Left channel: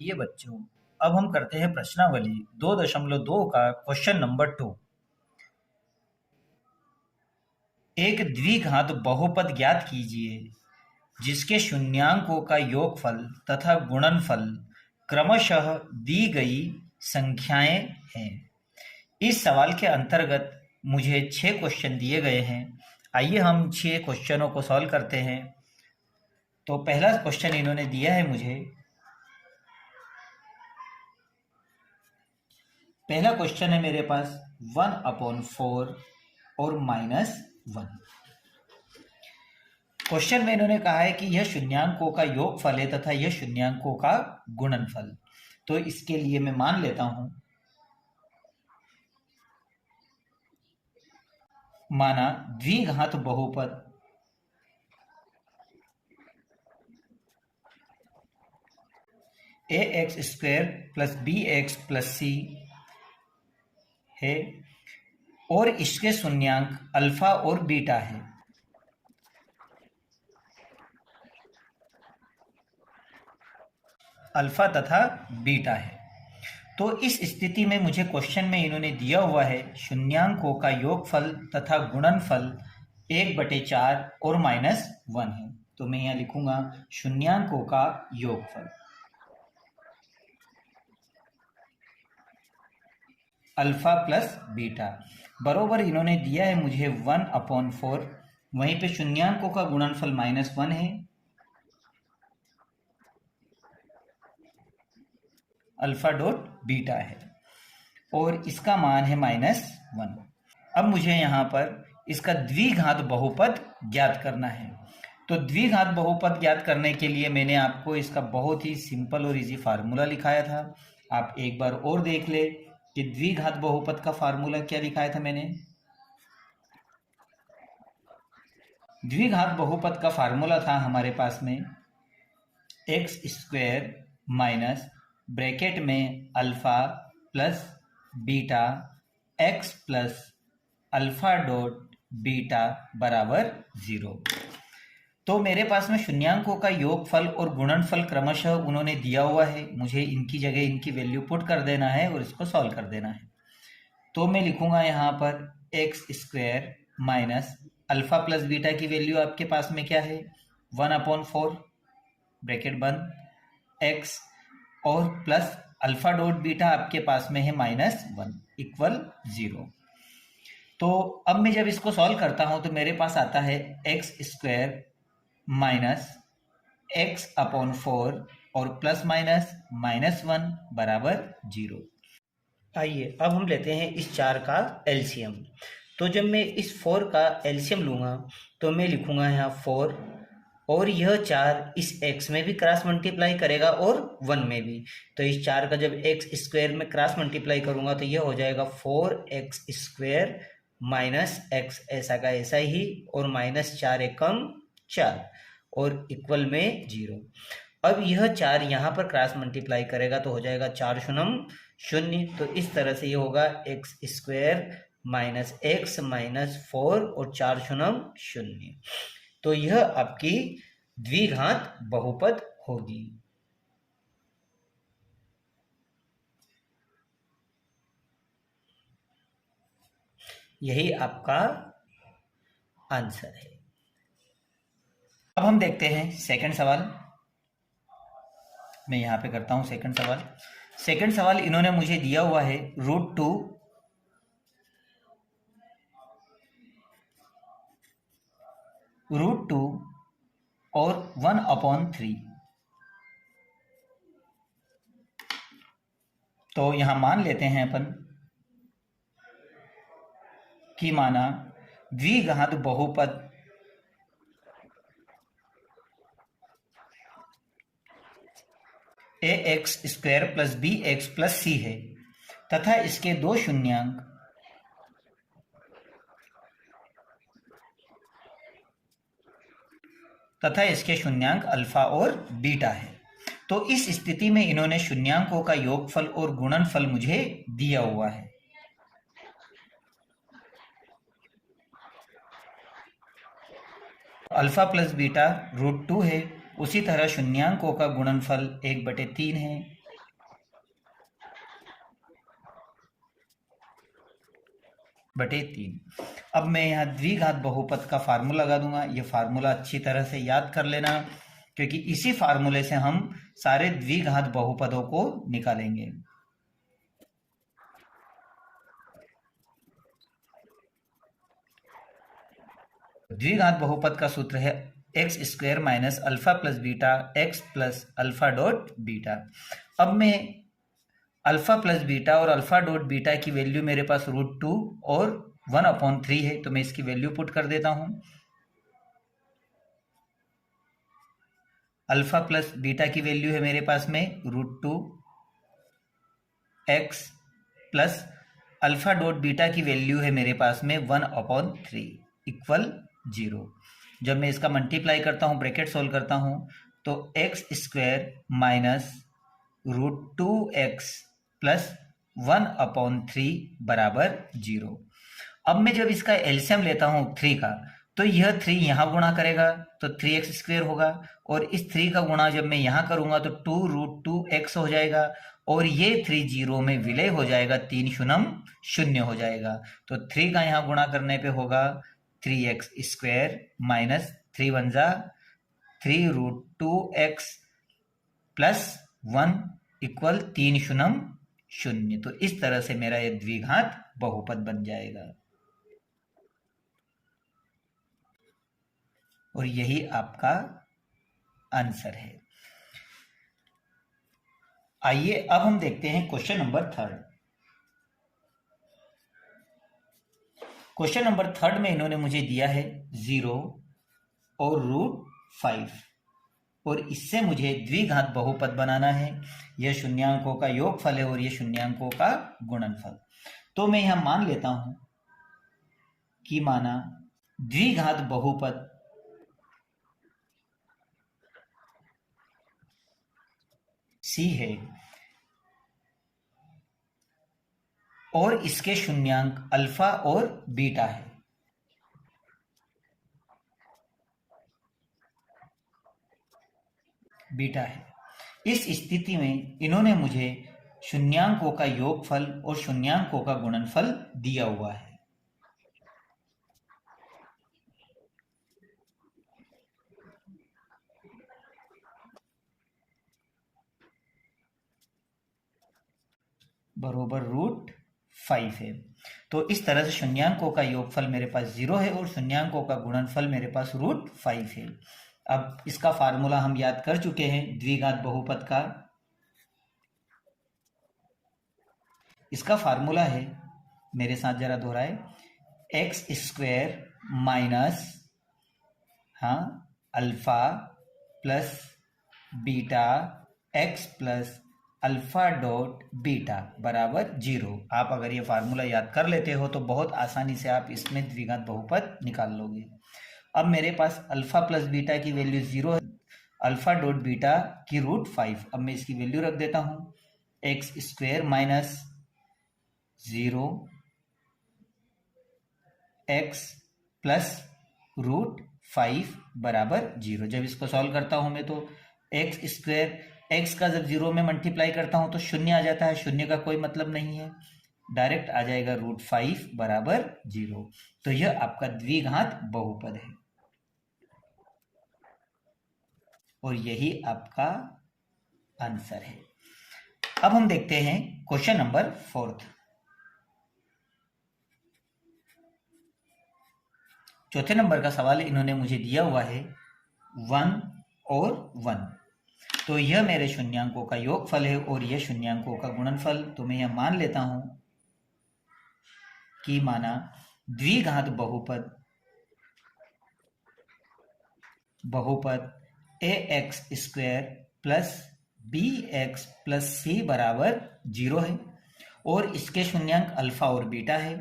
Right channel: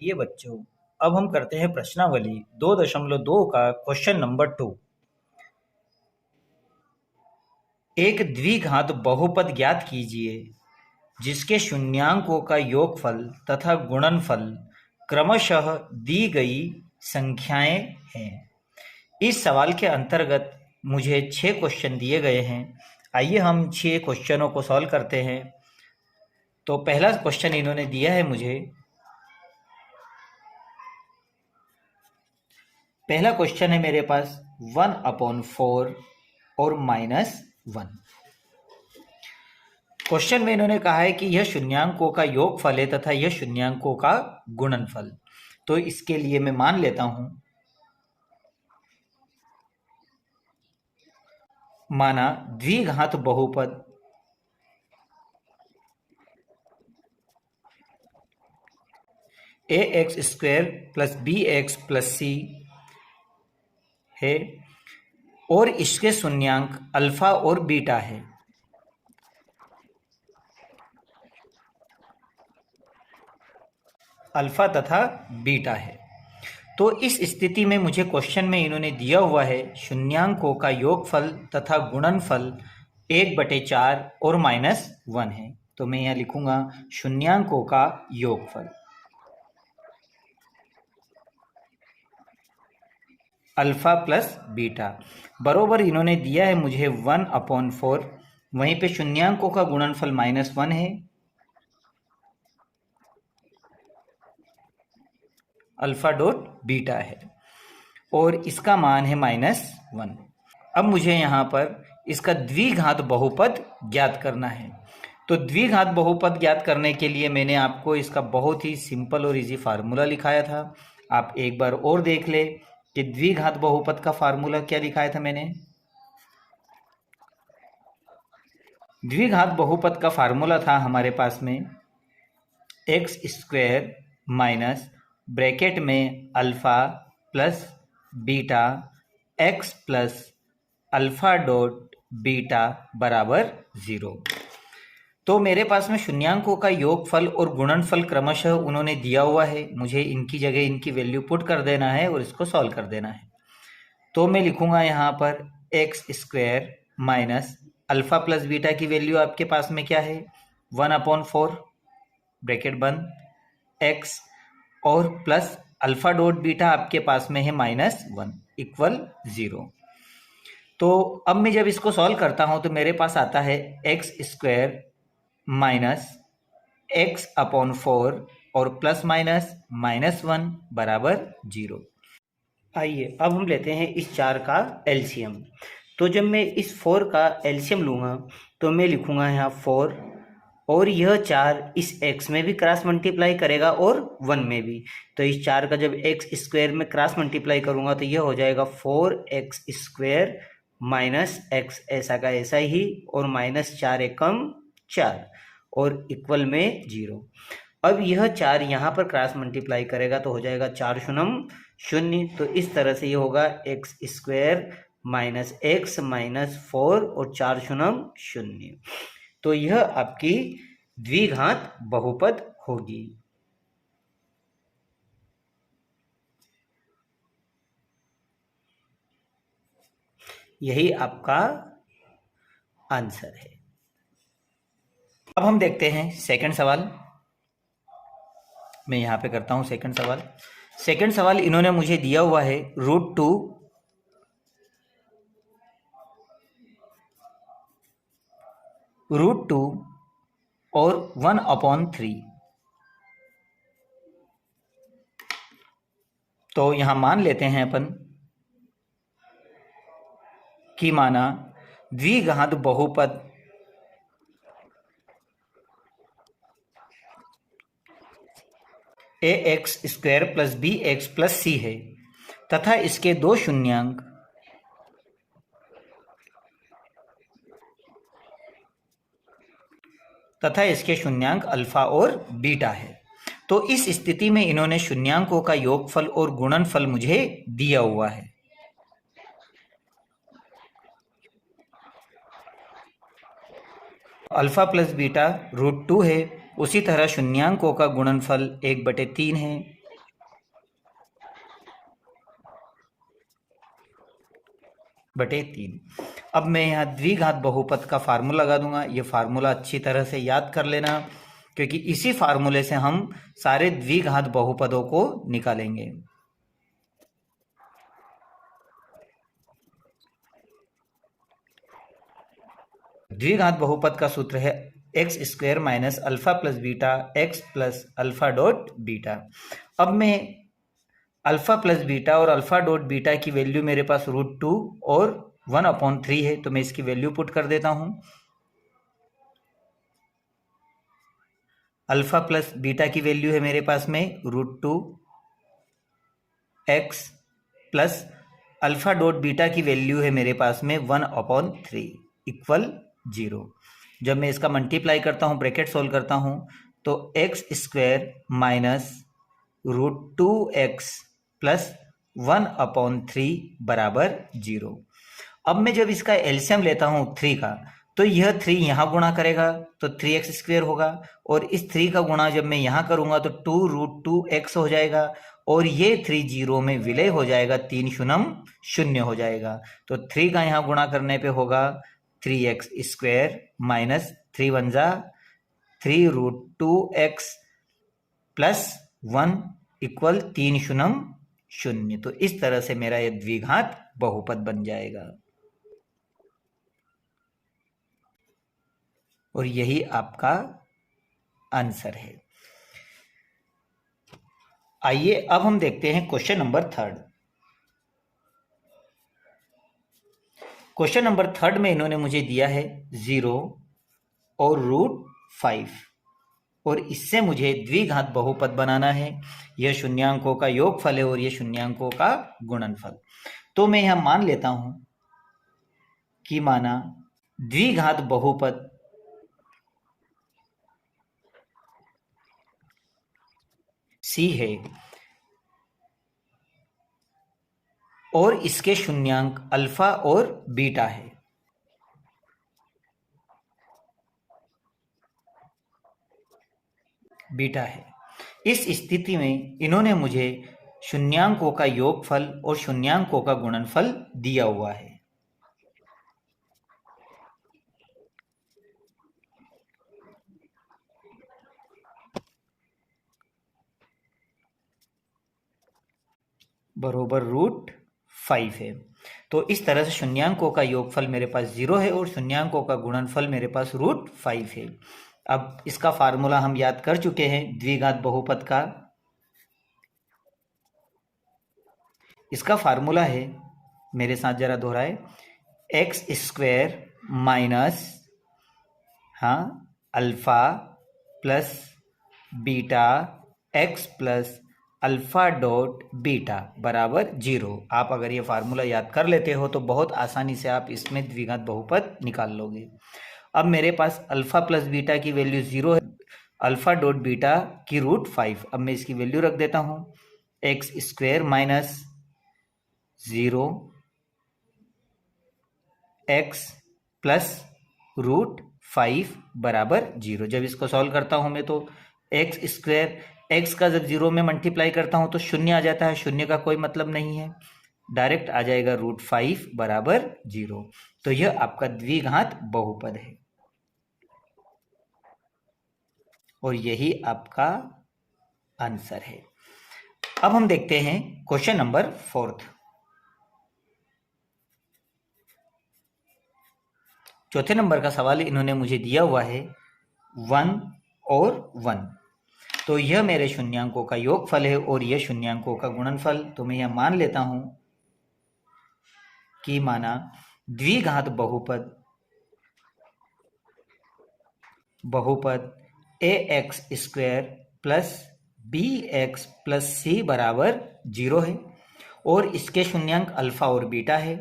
ये बच्चों, अब हम करते हैं प्रश्नावली 2.2 का क्वेश्चन नंबर 2। एक द्विघात बहुपद ज्ञात कीजिए जिसके शून्यांकों का योगफल तथा गुणनफल क्रमशः दी गई संख्याएं हैं। इस सवाल के अंतर्गत मुझे 6 क्वेश्चन दिए गए हैं। आइए हम 6 क्वेश्चनों को सॉल्व करते हैं। तो पहला क्वेश्चन इन्होंने दिया है मुझे। पहला क्वेश्चन है मेरे पास 1/4 और -1। क्वेश्चन में इन्होंने कहा है कि यह शून्यांकों का योगफल है तथा यह शून्यांकों का गुणनफल। तो इसके लिए मैं मान लेता हूं, माना द्विघात बहुपद ax² + bx + c है और इसके शून्यांक अल्फा और बीटा है। अल्फा तथा बीटा है। तो इस स्थिति में मुझे क्वेश्चन में इन्होंने दिया हुआ है शून्यांकों का योगफल तथा गुणनफल 1/4 और -1 है। तो मैं यहाँ लिखूंगा शून्यांकों का योगफल अल्फा प्लस बीटा बरोबर इन्होंने दिया है मुझे 1/4। वहीं पे शून्यांकों का गुणनफल -1 है, अल्फा डॉट बीटा है और इसका मान है -1। अब मुझे यहाँ पर इसका द्विघात बहुपद ज्ञात करना है। तो द्विघात बहुपद ज्ञात करने के लिए मैंने आपको इसका बहुत ही सिंपल और इजी फार्मूला लिखाया था। आप एक बार और देख ले कि द्विघात बहुपद का फार्मूला क्या लिखाया था मैंने। द्विघात बहुपद का फार्मूला था हमारे पास में x² माइनस ब्रैकेट में alpha plus beta x plus alpha dot beta बराबर 0। तो मेरे पास में शून्यांकों का योगफल और गुणनफल क्रमशः उन्होंने दिया हुआ है। मुझे इनकी जगह इनकी वैल्यू पुट कर देना है और इसको सॉल्व कर देना है। तो मैं लिखूंगा यहाँ पर x² minus alpha plus beta की वैल्यू आपके पास में क्या है 1/4 ब्रैकेट बंद x और प्लस अल्फा डॉट बीटा आपके पास में है -1 इक्वल 0। तो अब मैं जब इसको सॉल्व करता हूं तो मेरे पास आता है x² माइनस x/4 और प्लस -1 बराबर 0। आइए अब हम लेते हैं इस 4 का एलसीएम। तो जब मैं इस 4 का एलसीएम लूँगा तो मैं लिखूँगा यहाँ 4 और यह 4 इस x में भी क्रॉस मल्टीप्लाई करेगा और 1 में भी। तो इस 4 का जब x² में क्रॉस मल्टीप्लाई करूँगा तो यह हो जाएगा 4x² माइनस x ऐसा का ऐसा ही और -4 एकम 4 और इक्वल में 0। अब यह 4 यहाँ पर क्रॉस मल्टीप्लाई करेगा तो हो जाएगा 4 शून्यम 0। तो इस तरह से ये होगा x² माइनस x माइनस 4 और 4 शून्यम 0। तो यह आपकी द्विघात बहुपद होगी। यही आपका आंसर है। अब हम देखते हैं सेकंड सवाल। मैं यहां पे करता हूं सेकंड सवाल। सेकंड सवाल इन्होंने मुझे दिया हुआ है √2 और 1/3। तो यहां मान लेते हैं अपन कि माना द्विघात बहुपद ax² + bx + c है तथा इसके दो शून्यांक अल्फा और बीटा है। तो इस स्थिति में इन्होंने शून्यांकों का योगफल और गुणनफल मुझे दिया हुआ है। अल्फा प्लस बीटा √2 है। उसी तरह शून्यांकों का गुणनफल 1/3 है बटे 3। अब मैं यहाँ द्विघात बहुपद का फार्मूला लगा दूंगा। ये फार्मूला अच्छी तरह से याद कर लेना, क्योंकि इसी फार्मूले से हम सारे द्विघात बहुपदों को निकालेंगे। द्विघात बहुपद का सूत्र है x square minus alpha plus beta x plus alpha dot beta. अब मैं अल्फा प्लस बीटा और अल्फा डॉट बीटा की वैल्यू मेरे पास √2 और 1/3 है, तो मैं इसकी वैल्यू पुट कर देता हूं। अल्फा प्लस बीटा की वैल्यू है मेरे पास में √2 x plus alpha dot beta की वैल्यू है मेरे पास में 1/3 इक्वल 0। जब मैं इसका मल्टीप्लाई करता हूं, ब्रैकेट सोल्व करता हूं, तो x square minus √2x plus 1/3 बराबर 0। अब मैं जब इसका एलसीएम लेता हूं 3 का, तो यह 3 यहां गुणा करेगा तो 3x स्क्वायर होगा, और इस 3 का गुणा जब मैं यहां करूंगा तो 2√2x हो जाएगा, और ये 3 0 में विलय हो जाएगा, 3 शून्यम 0 हो जाएगा। तो 3 का यहां गुणा करने पे होगा 3x स्क्वायर माइनस 3 1 जा 3√2x प्लस 1 इक्वल 3 शून्यम 0। तो इस तरह से मेरा ये द्विघात बहुपद बन जाएगा, और यही आपका आंसर है। आइए अब हम देखते हैं क्वेश्चन नंबर 3। क्वेश्चन नंबर 3 में इन्होंने मुझे दिया है 0 और √5, और इससे मुझे द्विघात बहुपद बनाना है। यह शून्यांकों का योगफल है और यह शून्यांकों का गुणनफल। तो मैं यहां मान लेता हूं कि माना द्विघात बहुपद C है और इसके शून्यांक अल्फा और बीटा है। बीटा है। इस स्थिति में इन्होंने मुझे शून्यांकों का योगफल और शून्यांकों का गुणनफल दिया हुआ है। बरोबर √5 है। तो इस तरह से शून्यांकों का योगफल मेरे पास 0 है और शून्यांकों का गुणनफल मेरे पास √5 है। अब इसका फार्मूला हम याद कर चुके हैं द्विघात बहुपद का। इसका फार्मूला है, मेरे साथ जरा दोहराए, x square minus alpha plus beta x plus alpha dot beta बराबर 0। आप अगर ये फार्मूला याद कर लेते हो तो बहुत आसानी से आप इसमें द्विघात बहुपद निकाल लोगे। अब मेरे पास अल्फा प्लस बीटा की वैल्यू 0 है, अल्फा डॉट बीटा की √5। अब मैं इसकी वैल्यू रख देता हूं, x square minus 0 x plus √5 बराबर 0। जब इसको सॉल्व करता हूं मैं तो एक्स स्क्वायर, एक्स का जब 0 में मल्टीप्लाई करता हूं तो 0 आ जाता है, 0 का कोई मतलब नहीं है, डायरेक्ट आ जाएगा √5 बराबर 0। तो यह आपका द्विघात बहुपद है और यही आपका आंसर है। अब हम देखते हैं क्वेश्चन नंबर 4। चौथे नंबर का सवाल इन्होंने मुझे दिया हुआ है 1 और 1। तो यह मेरे शून्यांकों का योगफल है और यह शून्यांकों का गुणनफल। तो मैं यह मान लेता हूं कि माना द्विघात बहुपद ax square plus bx plus c बराबर 0 है और इसके शून्यांक अल्फा और बीटा है।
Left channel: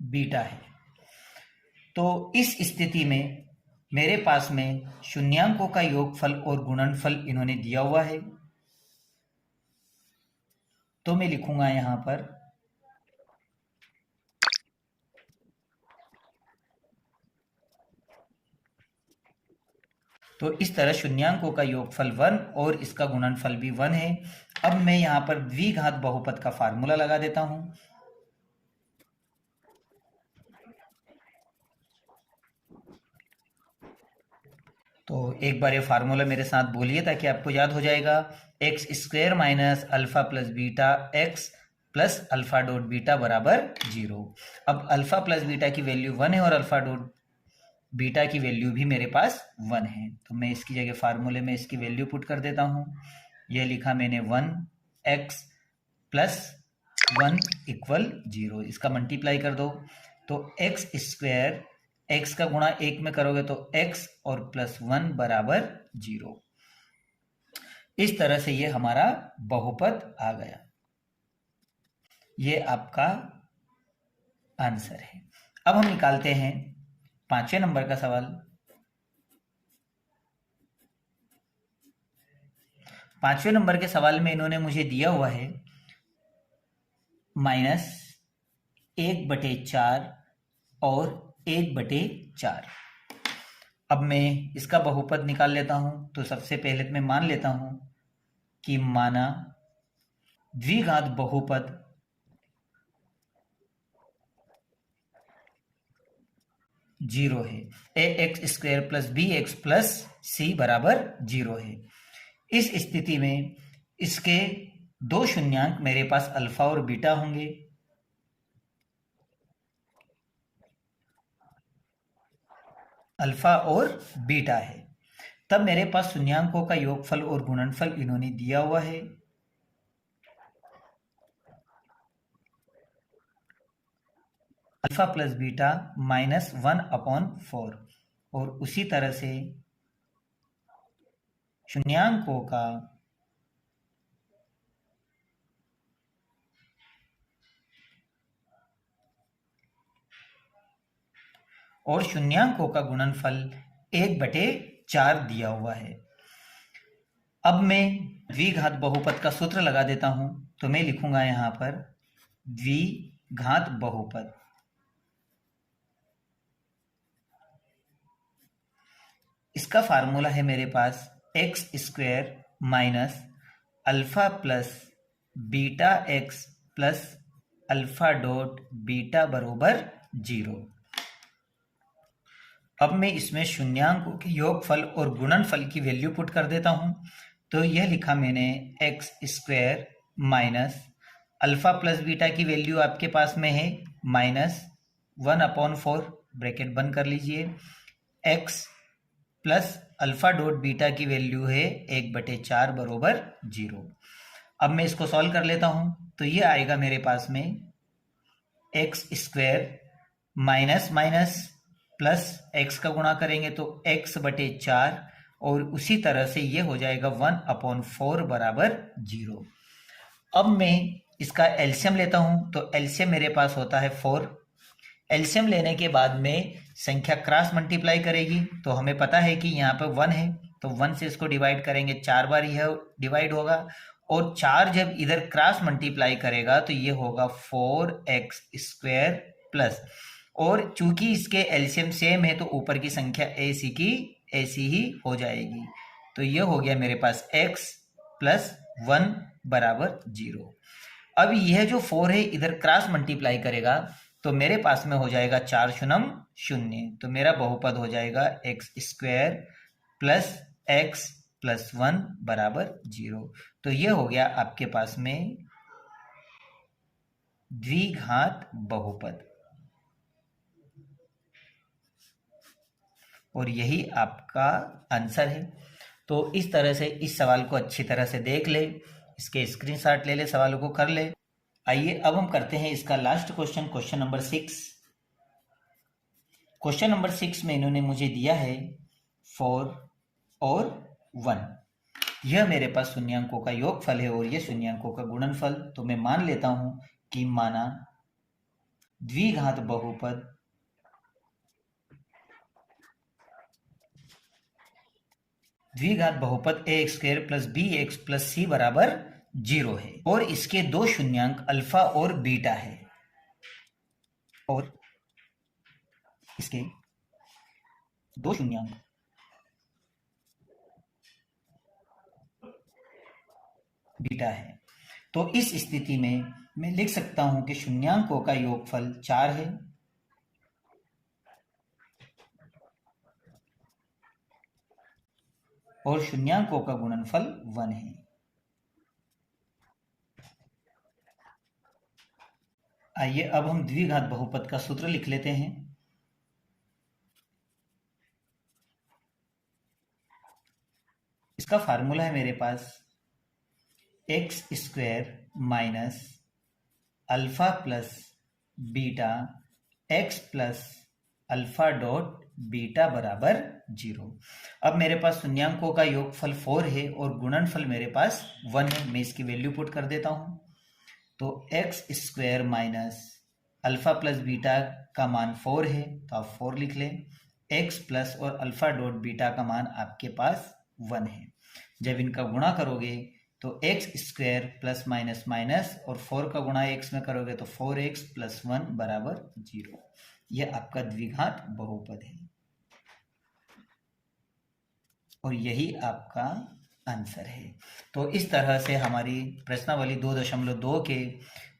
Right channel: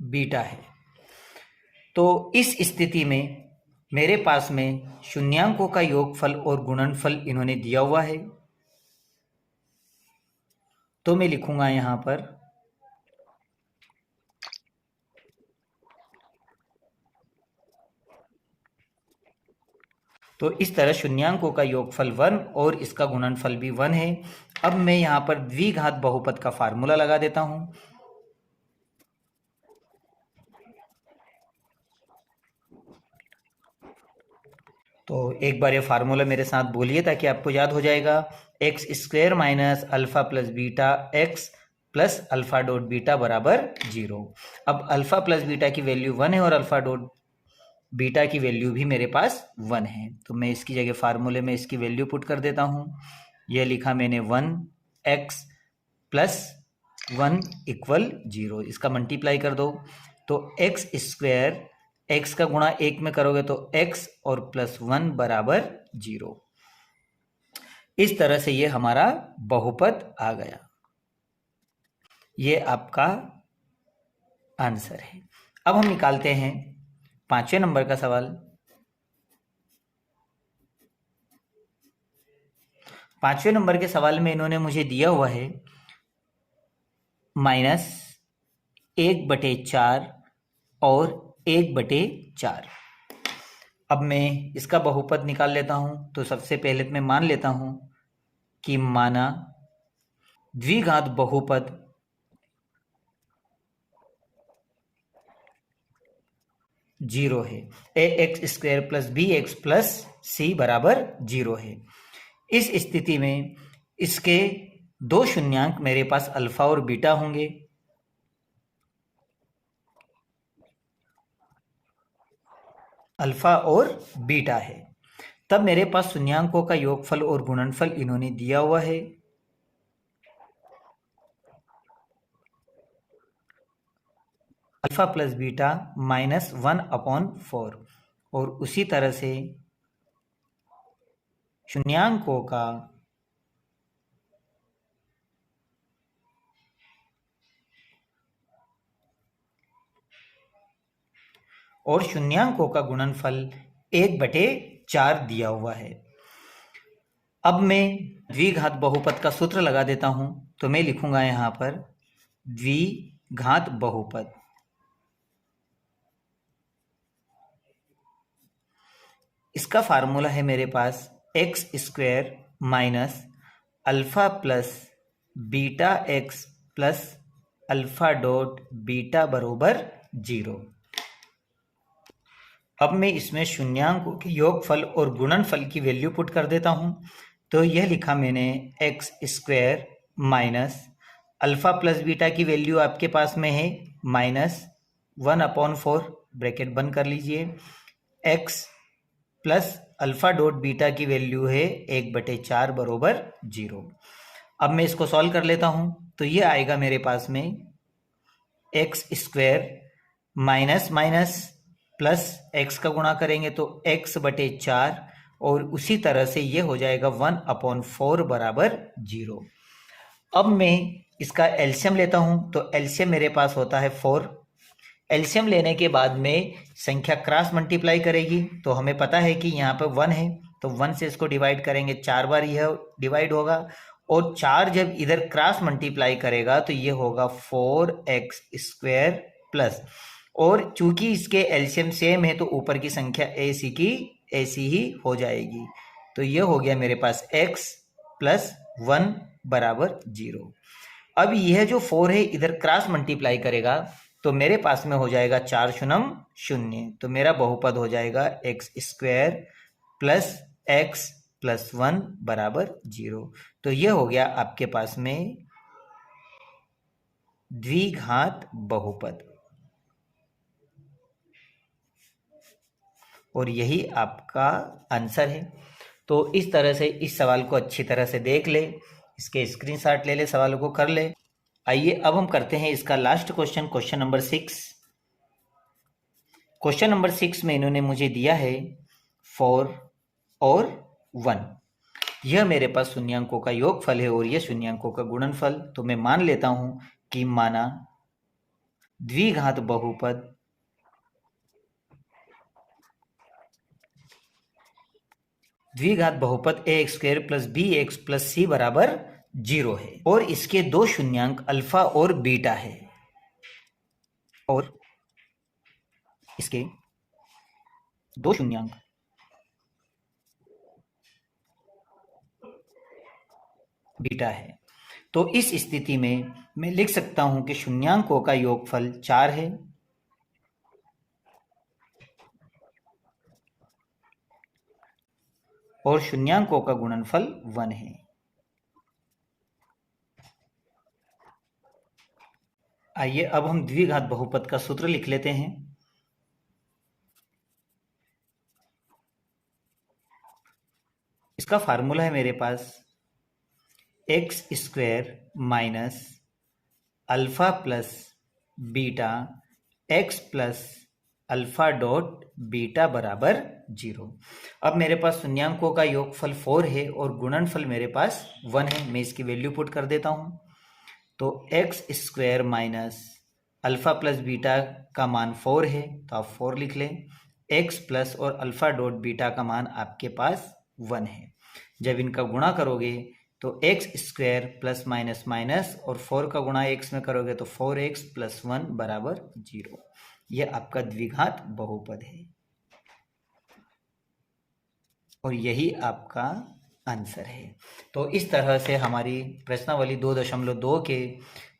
बीटा है। तो इस स्थिति में मेरे पास में शून्यांकों का योगफल और गुणनफल इन्होंने दिया हुआ है। तो मैं लिखूंगा यहां पर तो इस तरह शून्यांकों का योगफल 1 और इसका गुणनफल भी 1 है। अब मैं यहाँ पर द्विघात बहुपद का फार्मूला लगा देता हूँ। तो एक बार ये फार्मूला मेरे साथ बोलिए ताकि आपको याद हो जाएगा। X square minus alpha plus beta x plus alpha dot beta बराबर 0। अब अल्फा प्लस बीटा की वैल्यू 1 है और अल्फा डॉट बीटा की वैल्यू भी मेरे पास 1 है। तो मैं इसकी जगह फार्मूले में इसकी वैल्यू पुट कर देता हूँ। यह लिखा मैंने 1x प्लस 1 इक्वल 0। इसका मल्टीप्लाई कर दो तो एक्स स्क्वायर x का गुणा 1 में करोगे तो x और प्लस 1 बराबर 0। इस तरह से ये हमारा बहुपद आ गया। ये आपका आंसर है। अब हम निकालते हैं 5वें नंबर का सवाल। 5वें नंबर के सवाल में इन्होंने मुझे दिया हुआ है -1/4 और 1/4। अब मैं इसका बहुपद निकाल लेता हूं। तो सबसे पहले मैं मान लेता हूं कि माना द्विघात बहुपद जीरो है। ax² plus bx plus c बराबर 0 है। इस स्थिति में इसके दो शून्यांक मेरे पास अल्फा और बीटा होंगे। अल्फा और बीटा है। तब मेरे पास शून्यांकों का योगफल और गुणनफल इन्होंने दिया हुआ है। अल्फा प्लस बीटा -1/4 और उसी तरह से शून्यांकों का गुणनफल 1/4 दिया हुआ है। अब मैं द्विघात बहुपद का सूत्र लगा देता हूं। तो मैं लिखूंगा यहां पर द्विघात बहुपद। इसका फार्मूला है मेरे पास x² minus alpha plus beta x plus alpha dot beta बरोबर 0। अब मैं इसमें शून्यांकों के योगफल और गुणनफल की वैल्यू पुट कर देता हूं। तो यह लिखा मैंने x² minus alpha plus beta की वैल्यू आपके पास में है -1/4 ब्रैकेट बंद कर लीजिए। x plus alpha dot beta की वैल्यू है 1/4 बरोबर 0। अब मैं इसको सॉल्व कर लेता हूं। तो ये आएगा मेरे पास में x² minus minus plus x का गुणा करेंगे तो x/4 और उसी तरह से ये हो जाएगा 1/4 बराबर 0। अब मैं इसका एलसीएम लेता हूं। तो एलसीएम मेरे पास होता है 4। एलसीएम लेने के बाद में संख्या क्रॉस मल्टीप्लाई करेगी। तो हमें पता है कि यहाँ पे 1 है तो 1 से इसको डिवाइड करेंगे 4 बार यह डिवाइड होगा और 4 जब इधर क्रॉस मल्टीप्लाई करेगा तो ये होगा 4x² प्लस, और चूंकि इसके एलसीएम सेम है तो ऊपर की संख्या ऐसी की ऐसी ही हो जाएगी। तो ये हो गया मेरे पास x प्लस 1 बराबर 0। अब यह जो 4 है इधर क्रॉस मल्टीप्लाई करेगा तो मेरे पास में हो जाएगा 4 शून्य 0। तो मेरा बहुपद हो जाएगा x² प्लस x प्लस 1 बराबर 0। तो यह हो गया आपके पास में द्विघात बहुपद, और यही आपका आंसर है। तो इस तरह से इस सवाल को अच्छी तरह से देख ले, इसके स्क्रीनशॉट ले ले, सवालों को कर ले। आइए अब हम करते हैं इसका last question, question number 6। Question number 6 में इन्होंने मुझे दिया है 4 और 1। यह मेरे पास शून्यांकों का योगफल है और यह शून्यांकों का गुणनफल। तो मैं मान लेता हूं कि माना द्विघात बहुपद ax² plus bx plus c बराबर 0 है और इसके दो शून्यांक अल्फा और बीटा है, और इसके दो शून्यांक बीटा है। तो इस स्थिति में मैं लिख सकता हूं कि शून्यांकों का योगफल 4 है और शून्यांकों का गुणनफल 1 है। आइए अब हम द्विघात बहुपद का सूत्र लिख लेते हैं। इसका फार्मूला है मेरे पास x square minus alpha plus beta x plus alpha dot beta बराबर 0। अब मेरे पास शून्यांकों का योगफल 4 है और गुणनफल मेरे पास 1 है। मैं इसकी वैल्यू पुट कर देता हूं। तो x square minus alpha plus beta का मान 4 है, तो आप 4 लिख लें। एक्स प्लस और अल्फा डॉट बीटा का मान आपके पास 1 है। जब इनका गुणा करोगे तो x square plus minus minus और 4 का गुणा एक्स में करोगे तो 4x प्लस 1 बराबर 0। यह आपका द्विघात बहुपद है और यही आपका आंसर है। तो इस तरह से हमारी प्रश्नावली 2.2 के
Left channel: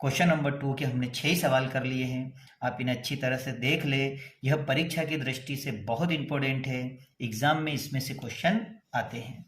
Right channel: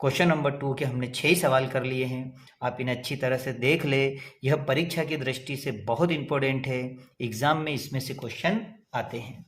क्वेश्चन नंबर 2 के हमने 6 सवाल कर लिए हैं। आप इन्हें अच्छी तरह से देख ले। यह परीक्षा की दृष्टि से बहुत इंपॉर्टेंट है। एग्जाम में इसमें से क्वेश्चन आते हैं।